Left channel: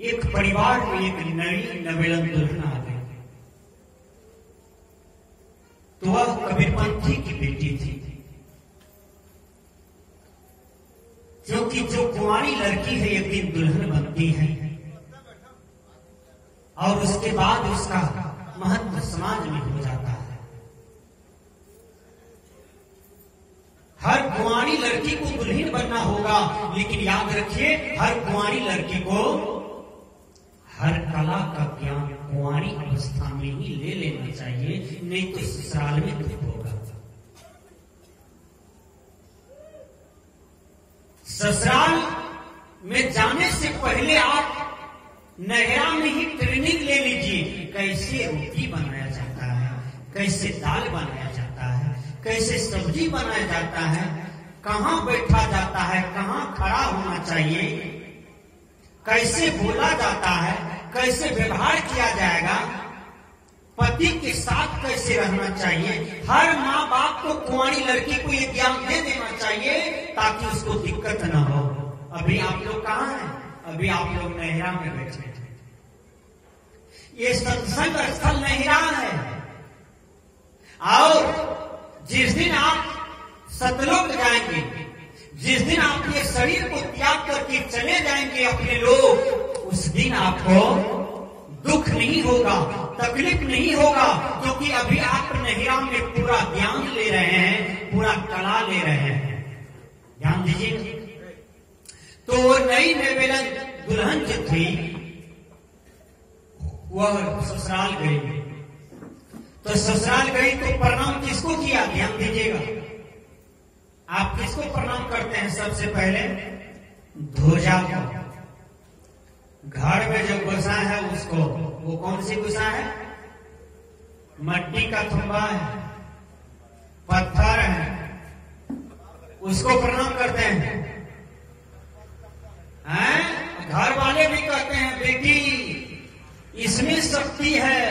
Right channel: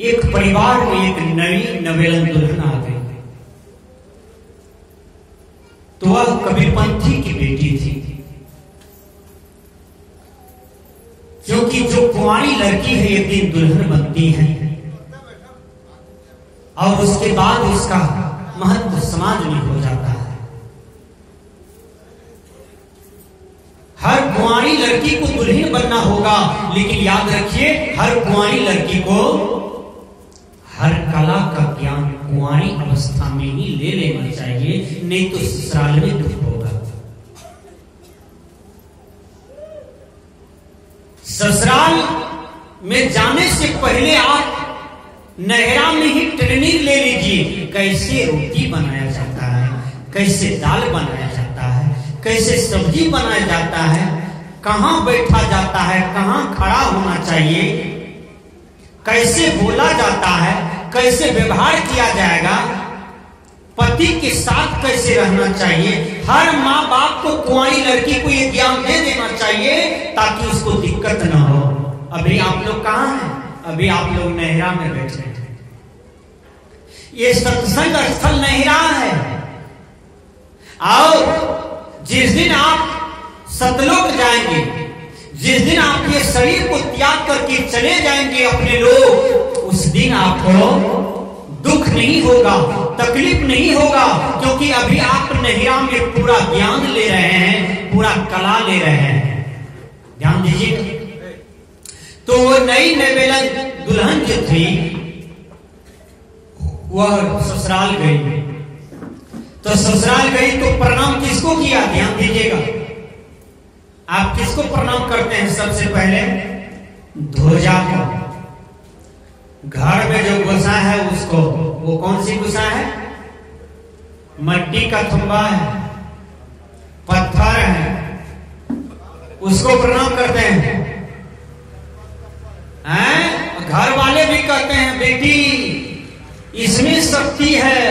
एक परिवार में एक नई नवेलन दुल्हन आ गई। तो वह कबीरपंथी की बेटी थी, क्योंकि जो कुंवारी लड़की है एक दिन दुल्हन बनती है और उसके बाद उसका महत्व समाज में हो जाता है। हर कुंवारी लड़की को दुल्हन बनना होगा, लेकिन याद रखिए हर कुंवारी लड़की को हर कला का ज्ञान कुंवारी अवस्था में ही ले लेना चाहिए, नहीं तो ससुराल में दुख होगा। ससुराल में जाने से पहले आप नहरा में ही ट्रेनिंग ले लीजिए, कैसे रोटी बनाया जाता है, कैसे दाल बनाया जाता है, कैसे सब्जी बनाया जाता है, कहां बैठा जाता है, कहां खड़ा होना चाहिए, कैसे बोला जाता है, कैसे व्यवहार किया जाएगा, पति के साथ कैसे रहना चाहिए। हर माँ बाप को कुंवारी लड़की को ये ज्ञान दे देना चाहिए ताकि उसको दिक्कत ना हो। अभी आप लोग कहाँ हैं? अभी आप लोग नहरा में बैठे थे। ये सत्संग स्थल नहरा है। और जिस दिन आप सतलोक जाएंगे, जिस दिन आप ये शरीर को त्याग करके चले जाएंगे अपने लोग, उस दिन आपको दुख नहीं होगा, तकलीफ नहीं होगा, क्योंकि अभी आप नहिरा में पूरा ज्ञान ले रहे हैं, पूरा कला ले रहे हैं। ध्यान दीजिए। तो वो नई नवेलन दुल्हन जो थी वह ससुराल गई। तो ससुराल गई तो प्रणाम किसको किया? ध्यान दीजिएगा। आप किसको प्रणाम करते हैं? सबसे पहले ध्वजा को। घर में जो गुस्सा है उसको, वो कौन सी गुस्सा है? मट्टी का थंबा है, पत्थर है, उसको प्रणाम करते हैं। घर वाले भी कहते हैं बेटी इसमें शक्ति है,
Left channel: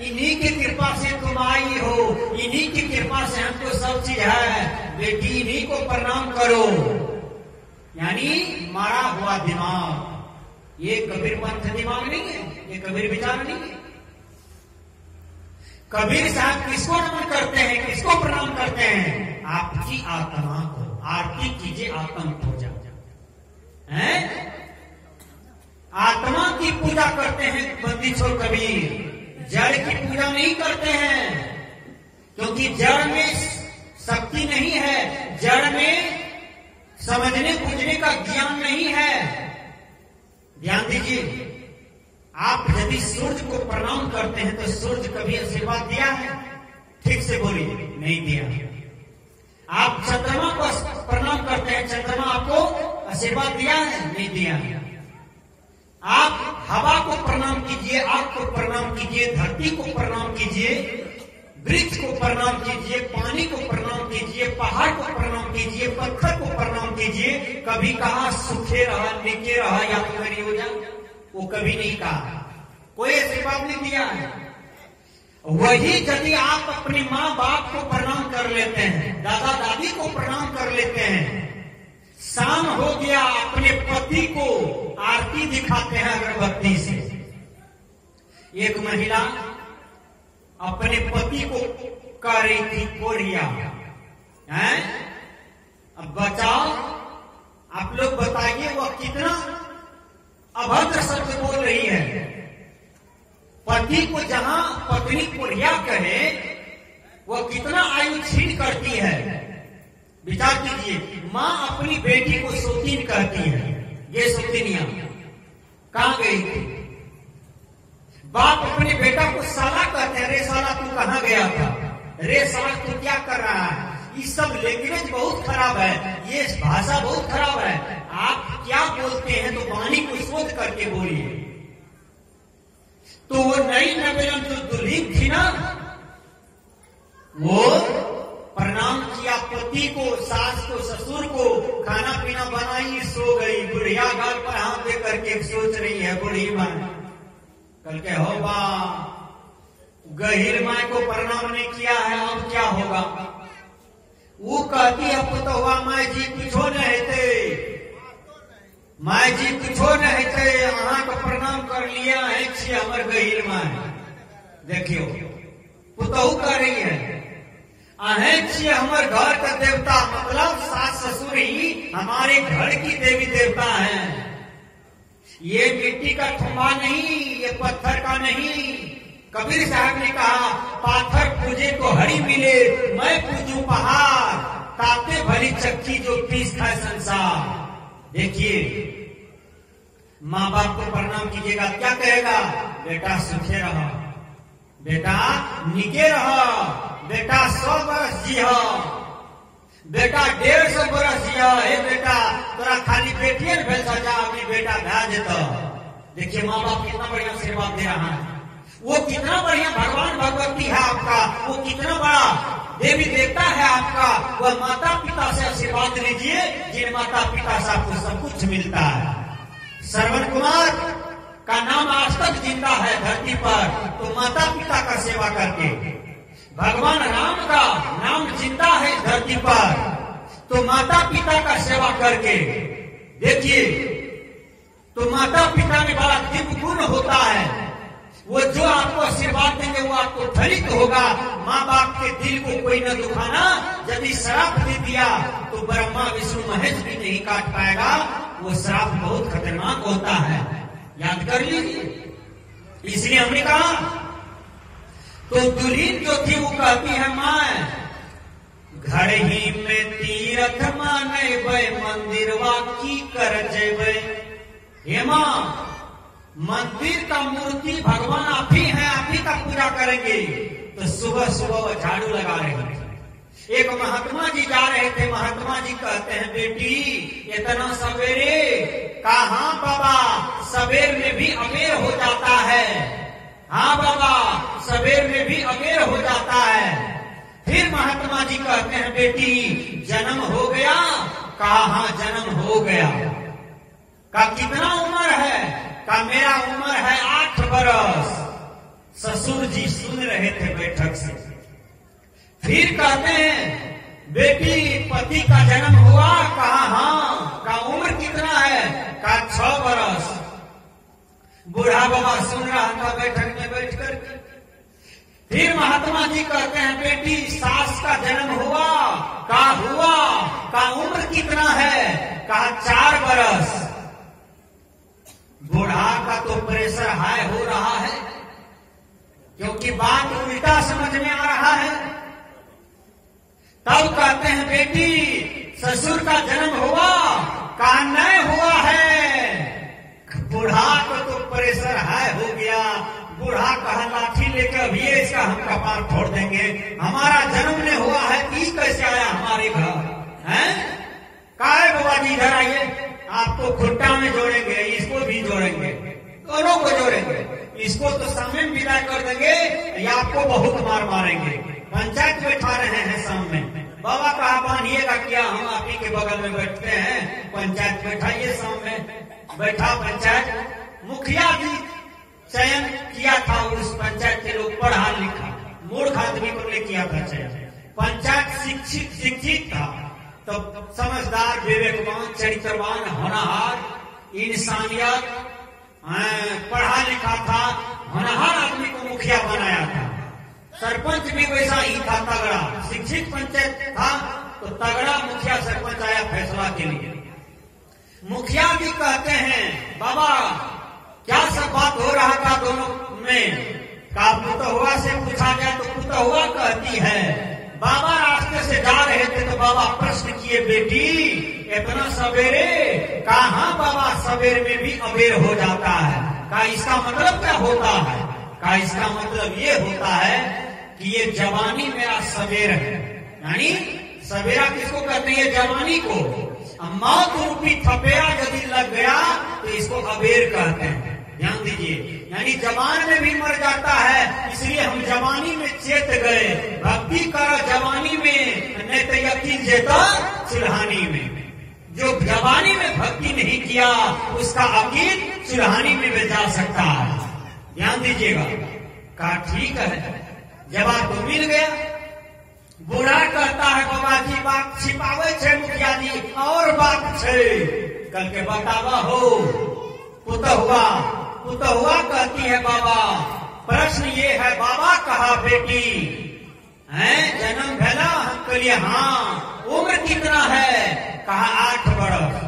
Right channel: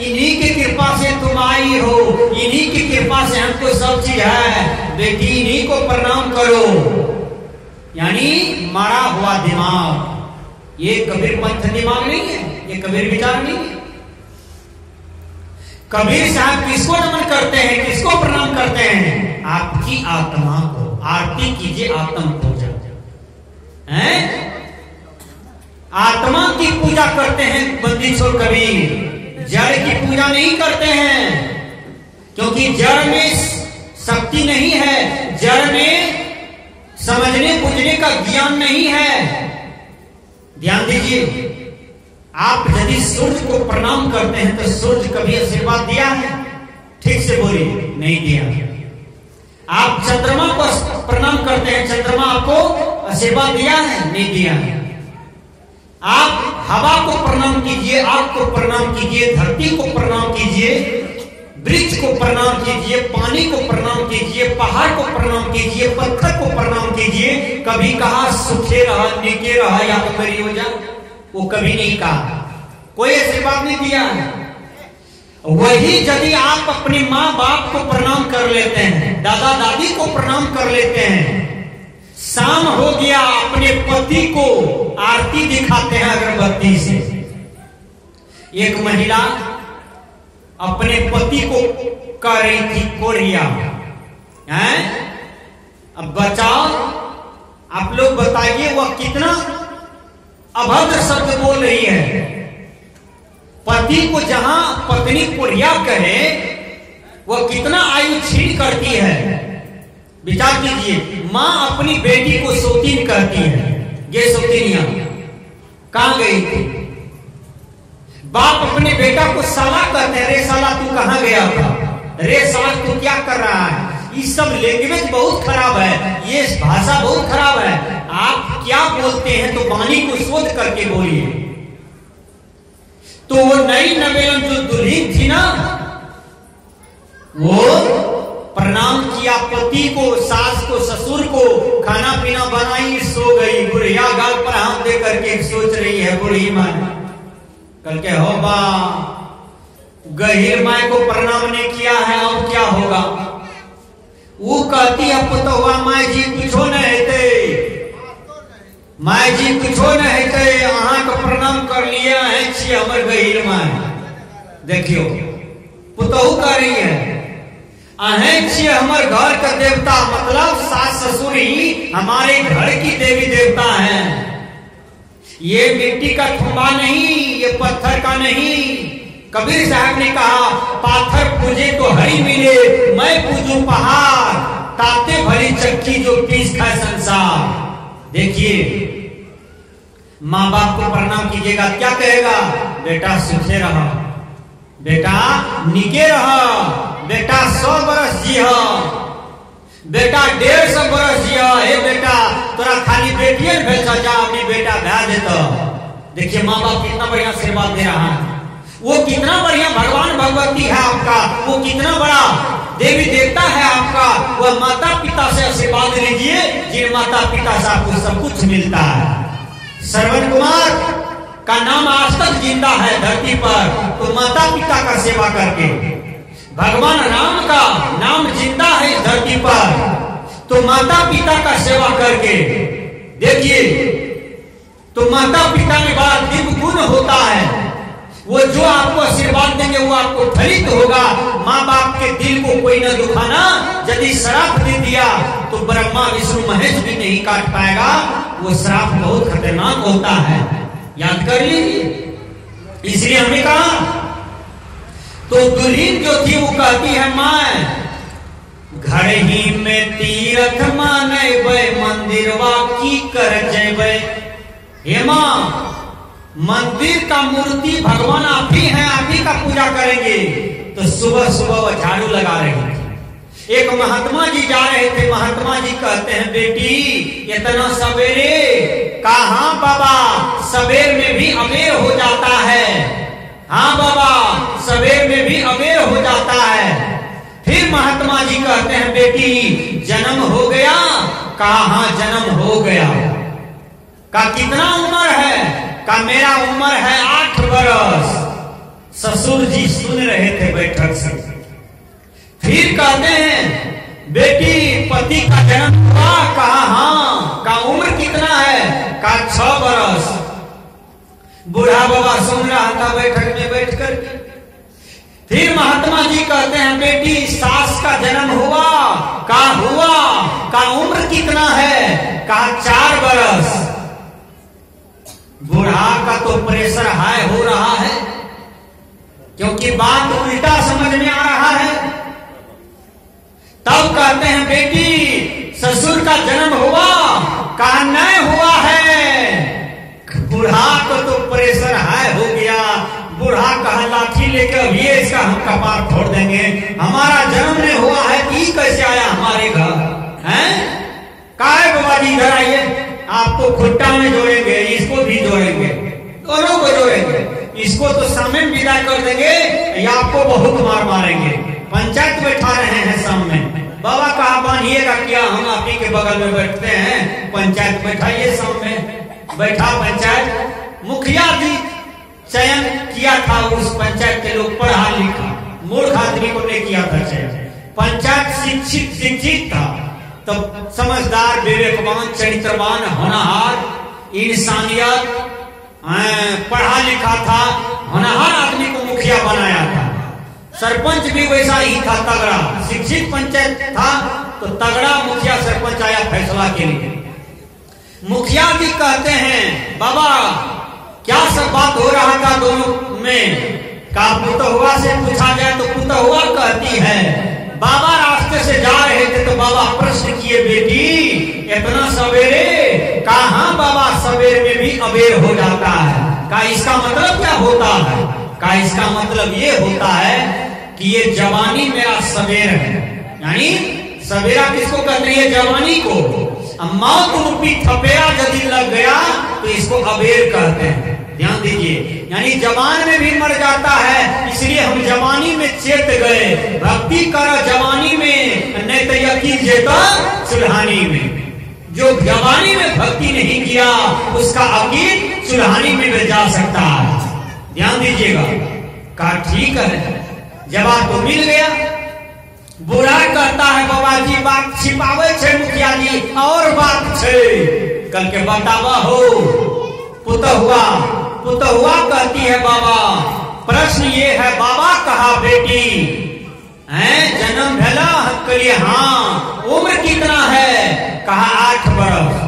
इन्हीं की कृपा से तुम आई हो, इन्हीं की कृपा से हमको सब चीज है, बेटी इन्हीं को प्रणाम करो। यानी मारा हुआ दिमाग। ये कबीर पंथ दिमाग नहीं है, ये कबीर विचार नहीं है। कबीर साहब किसको नमन करते हैं, किसको प्रणाम करते हैं? आपकी आत्मा को। आरती कीजिए आत्म पूजा है, आत्मा की पूजा करते हैं बंदी छोड़ कबीर। जड़ की पूजा नहीं करते हैं, क्योंकि जड़ में शक्ति नहीं है, जड़ में समझने बुझने का ज्ञान नहीं है। ध्यान दीजिए। आप यदि सूर्य को प्रणाम करते हैं तो सूर्य कभी आशीर्वाद दिया है? ठीक से बोलिए, नहीं दिया। आप चंद्रमा को प्रणाम करते हैं, चंद्रमा आपको आशीर्वाद दिया है? नहीं दिया है। आप हवा को प्रणाम कीजिए, आग को प्रणाम कीजिए, धरती को प्रणाम कीजिए, वृक्ष को प्रणाम कीजिए, पानी को प्रणाम कीजिए, पहाड़ को प्रणाम कीजिए, पत्थर को प्रणाम कीजिए। कभी कहा सुखे रहा, नीके रहा, या तो मेरी हो जाए, वो कभी नहीं कहा, कोई आशीर्वाद नहीं दिया है। वही यदि आप अपने माँ बाप को प्रणाम कर लेते हैं, दादा दादी को प्रणाम कर लेते हैं, शाम हो गया अपने पति को आरती दिखाते हैं अगरबत्ती से। एक महिला अपने पति को कह रही थी कोरिया है। अब बचाओ, आप लोग बताइए वह कितना अभद्र शब्द बोल रही है। पति को जहां पत्नी कोरिया कहे, वह कितना आयु छीन करती है। विचार कीजिए। माँ अपनी बेटी को सौतीन कहती है, ये सौतीनिया कहां गई थी? बाप अपने बेटा को साला कहते हैं, रे साला तू कहां गया था, रे साला तू क्या कर रहा है। ये सब लैंग्वेज बहुत खराब है, ये भाषा बहुत खराब है। आप क्या बोलते हैं तो वाणी को सोच करके बोलिए। तो वो नई नवेलन जो दुल्हन थी ना, वो प्रणाम किया पति को, सास को, ससुर को, खाना पीना बनाई, सो गई। बुढ़िया गाल पर हाथ दे करके सोच रही है बुढ़ी माँ, कल के हो बा गहीर माए को प्रणाम नहीं किया है, अब क्या होगा। वो कहती है पुतहुआ माए जी कुछो न हेते, माए जी कुछो न हेते, अहाँ का प्रणाम छे हमर गहिर में। देखियो पुतहू कह रही है अहें छे हमर घर का देवता, मतलब सास ससुर ही हमारे घर की देवी देवता हैं। ये मिट्टी का थुम्बा नहीं, ये पत्थर का नहीं। कबीर साहब ने कहा पाथर पूजे तो हरी मिले, मैं पूजू पहाड़, ताते भरी चक्की जो पीस खाए संसार। देखिए माँ बाप को प्रणाम कीजिएगा, क्या कहेगा? बेटा सुखे रहो, बेटा निके रहो, बेटा 100 बरस जियो, बेटा 150 बरस जियो। हे बेटा तोरा खाली बेटिए भेज जा, अपनी बेटा भेज देता। देखिए माँ बाप कितना बढ़िया आशीर्वाद दे रहा है, वो कितना बढ़िया भगवान भगवती है आपका, वो कितना बड़ा देवी देवता है आपका। वह माता पिता से आशीर्वाद लीजिए जिन माता पिता से आपको सब कुछ मिलता है। श्रवण कुमार का नाम आज तक जिंदा है धरती पर, तो माता पिता का सेवा करके। भगवान राम का नाम जिंदा है इस धरती पर, तो माता पिता का सेवा करके। देखिए तो माता पिता में बड़ा दिव्य गुण होता है, वो जो आपको आशीर्वाद देंगे वो आपको फलित होगा। माँ बाप के दिल को कोई न दुखाना, यदि श्राप दे दिया तो ब्रह्मा विष्णु महेश भी नहीं काट पाएगा। वो श्राप बहुत खतरनाक होता है, याद कर लीजिए। इसलिए हमने कहा तो दुल्हन जो थी वो कहती है मैं घर ही में तीर्थ माने मंदिरवा की कर जेबे। हे मां मंदिर का मूर्ति भगवान आप ही हैं, आप ही का पूजा करेंगे। तो सुबह सुबह वो झाड़ू लगा रहे थे। एक महात्मा जी जा रहे थे, महात्मा जी कहते हैं बेटी इतना सवेरे? कहा बाबा सवेर में भी अबेर हो जाता है। हाँ बाबा सवेर में भी अबेर हो जाता है। फिर महात्मा जी कहते हैं बेटी जन्म हो गया? कहा जन्म हो गया। का कितना उम्र है? का मेरा उम्र है 8 बरस। ससुर जी सुन रहे थे बैठक से। फिर कहते हैं बेटी पति का जन्म हुआ? कहा हाँ। का उम्र कितना है? का 6 बरस। बूढ़ा बाबा सुन रहा था बैठक में बैठकर। फिर महात्मा जी कहते हैं बेटी सास का जन्म हुआ? का हुआ। का उम्र कितना है? का 4 बरस। बूढ़ा का तो प्रेशर हाई हो रहा है, क्योंकि बात उल्टा समझ में आ रहा है। तब कहते हैं बेटी ससुर का जन्म हुआ? का नहीं हुआ है। बूढ़ा को तो प्रेशर हाई हो गया। बूढ़ा कहा लाठी लेकर अभी इसका हम कपार फोड़ देंगे, हमारा जन्म नहीं हुआ है कि कैसे आया हमारे घर हैं? काहे बाबा जी इधर आइए, आपको खुट्टा में जोड़ेंगे, इसको भी जोड़ेंगे, दोनों को जोड़ेंगे। इसको तो सामने विदा कर देंगे या आपको बहुत मार मारेंगे। पंचायत बैठा रहे हैं सामने। बाबा कहा बांधिएगा क्या, हम आप ही के बगल में बैठते हैं, पंचायत बैठाइए सामने। बैठा पंचायत। मुखिया जी चयन किया था उस पंचायत के लोग पढ़ा लिखा, मूर्ख आदमी को नहीं किया था चयन। पंचायत शिक्षित था, तो समझदार विवेकवान चरित्रवान होनहार इंसानियत पढ़ा लिखा था, होनहार आदमी को मुखिया बनाया था। सरपंच भी वैसा ही था, तगड़ा। शिक्षित पंचायत था तो तगड़ा मुखिया सरपंच आया फैसला के लिए। मुखिया जी कहते हैं बाबा क्या सब बात हो रहा था दोनों में? का पुतहुआ से पूछा जाए तो पुतहुआ कहती है। बाबा रास्ते से जा रहे थे तो बाबा प्रश्न किए बेटी इतना सवेरे? कहा बाबा सवेर में भी अबेर हो जाता है। का इसका मतलब क्या होता है? का इसका मतलब ये होता है कि ये जवानी मेरा सवेर है। यानी सवेरा किसको कहते हैं? जवानी को। मौत रूपी थपेरा यदि लग गया तो इसको अबेर कहते हैं। ध्यान दीजिए, यानी जवान में भी मर जाता है, इसलिए हम जवानी में चेत गए। भक्ति कर जवानी में, नहीं तो यकीन जेता चुल्हानी में। जो जवानी में भक्ति नहीं किया उसका अकीद चुल्हानी में भी जा सकता है। ध्यान दीजिएगा। कहा ठीक है, जवाब तो मिल गया। बुरा कहता है बाबा जी बात छिपावे छे मुखिया जी, और बात छे। कल के बतावा हो पुतहुआ पुतहुआ कहती है बाबा, प्रश्न ये है बाबा कहा बेटी है जन्म भला कलिए, हाँ उम्र कितना है, कहा 8 बरस।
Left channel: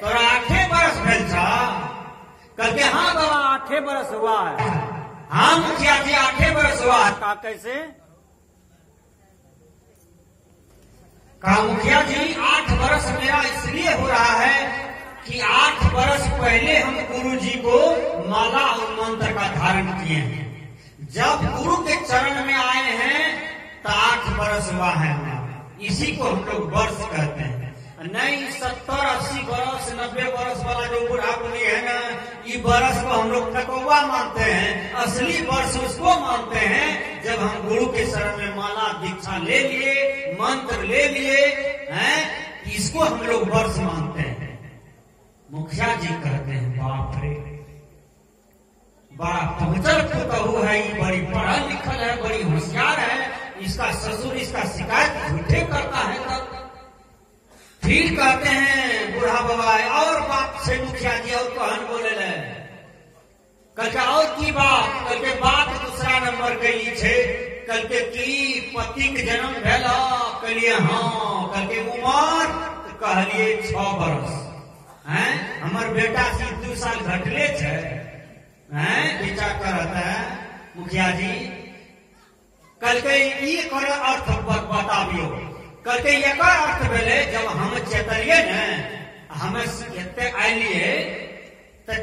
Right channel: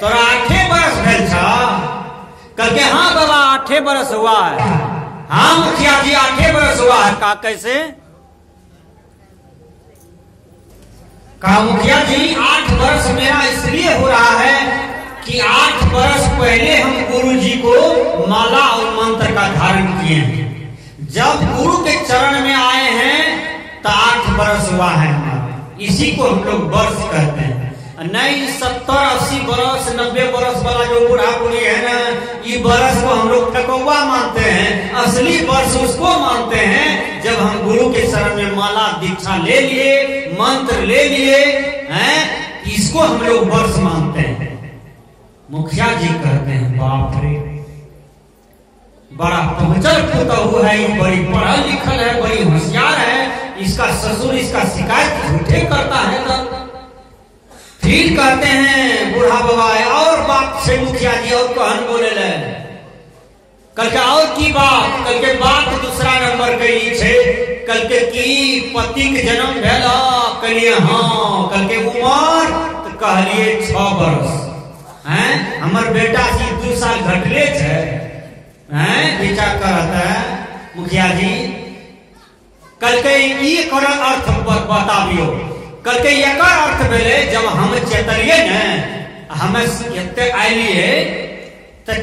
तोरा 8 बरस भेल छा? कल के हाँ बाबा 8 बरस हुआ है। हाँ मुखिया जी 8 बरस हुआ है। कहा कैसे? कहा मुखिया जी 8 बरस मेरा इसलिए हो रहा है कि 8 बरस पहले हम गुरु जी को माला और मंत्र का धारण किए हैं। जब गुरु के चरण में आए हैं तो 8 बरस हुआ है हमारा, इसी को हम लोग वर्ष कहते हैं। नहीं 70, 80 बरस, 90 बरस वाला जो बूढ़ा बूढ़ी है ना, ये बरस को हम लोग टकौआ मानते हैं। असली वर्ष उसको मानते हैं जब हम गुरु के शरण में माला दीक्षा ले लिए, मंत्र ले लिए हैं, इसको हम लोग वर्ष मानते हैं। मुखिया जी कहते हैं बाप रे, बड़ा पहुंचल पुतहु है, बड़ी पढ़ल लिखल है, बड़ी होशियार है, इसका ससुर इसका शिकायत झूठे करता है। तब फिर कहते हैं बूढ़ा बाबा और बात से मुखिया जी और कहन बोले ले, कल के और की बात, कल के बात दूसरा नंबर कही छे, कल के की पति के जन्म भेला, कलिए हाँ, कल के उम्र तो कहलिए 6 बरस हैं, हमर बेटा जी 2 साल घटले छे हैं, विचार करता है मुखिया जी। कल के ये कर अर्थ बताबियो, कल के एक अर्थ भेले जब हम चेतलिए न, हमें एते आइलिए तो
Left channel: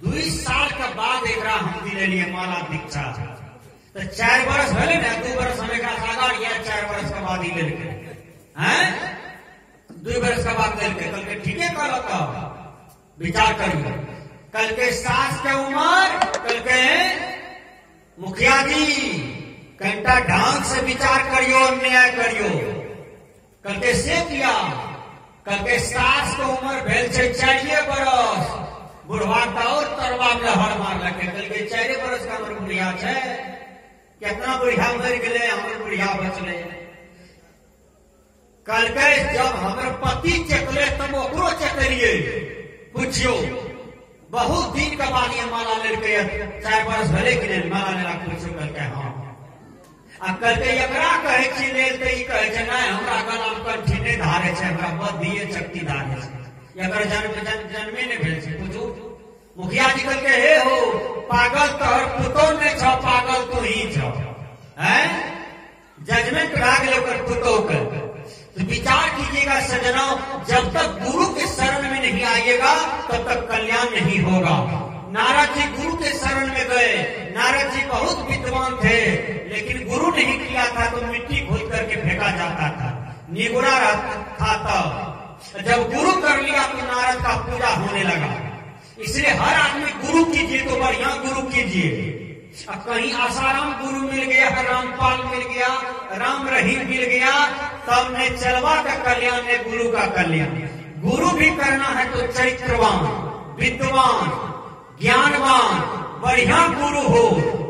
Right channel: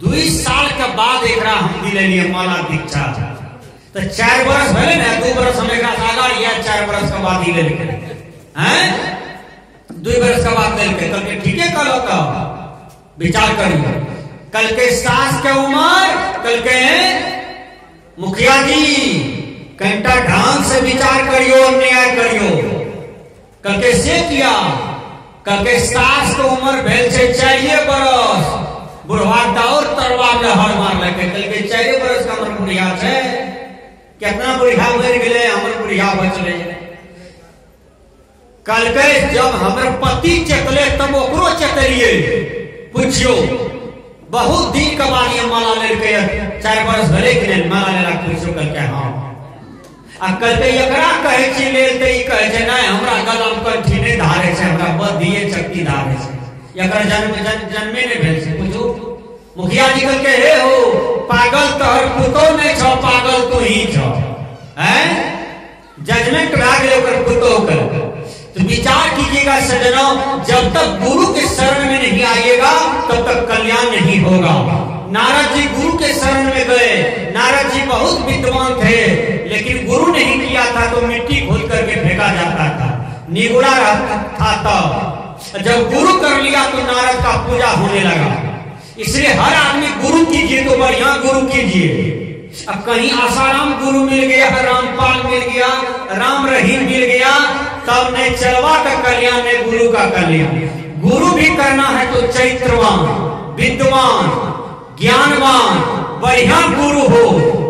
2 साल के बाद एकरा हम दिलिए माला दीक्षा, तो 4 बरस भेले न, 2 बरस हम एकरा आगा या 4 बरस के बाद दिले हैं, 2 बरस के बाद दिलके। कल के ठीके कहलो का विचार करियो। कल के सास के उम्र, कल के मुखिया जी कंटा ढंग से विचार करियो, न्याय करियो। कल के से किया, कल के सास के उम्र भेल छे 4 बरस, बुढ़वा दौर तरवा में हर मार लगे। कल के 4 बरस का हमर बुढ़िया छे, कितना बुढ़िया मर गेले, हमर बुढ़िया बचले। कल के जब हमर पति चेतले तब ओकरो चेतलिए, पूछियो बहुत दिन के बाद ये माला लेके 4 बरस भले कि नहीं माला लेला, पूछियो कल के हाँ। आ कल के एकरा कहे छी लेल त ई कहे छै नहीं हमरा गला में कंठी नहीं धारे छै, हमरा बद्धिए चक्की धारे छै, एकर जन्मे नहीं भेल छै। पूछू मुखिया जी कल के हे हो पागल तोहर पुतो नहीं छो, पागल तू ही छो हैं, जजमेंट भाग ले ओकर पुतो कर। तो विचार कीजिएगा सज्जनों, जब तक गुरु के शरण में नहीं आइएगा तब तक कल्याण नहीं होगा। नारद जी गुरु के शरण में गए, नारद जी बहुत विद्वान थे, लेकिन गुरु नहीं किया था तो मिट्टी खोद करके फेंका जाता था, निगुड़ा था। तब जब गुरु कर लिया तो नारद का पूजा होने लगा। इसलिए हर आदमी गुरु कीजिए तो बढ़िया गुरु कीजिए। अब कहीं आसाराम गुरु मिल गया, रामपाल मिल गया, राम रहीम मिल गया, तब नहीं चलवा का कल्याण, नहीं गुरु का कल्याण। गुरु भी करना है तो चैत्रवान, विद्वान, ज्ञानवान, बढ़िया गुरु हो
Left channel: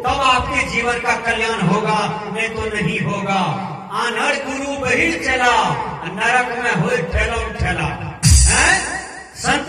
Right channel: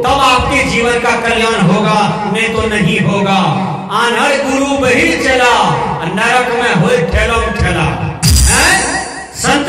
तब आपके जीवन का कल्याण होगा, नहीं तो नहीं होगा। आनहर गुरु बहिर चला, नरक में हो ठेलम ठेला। संत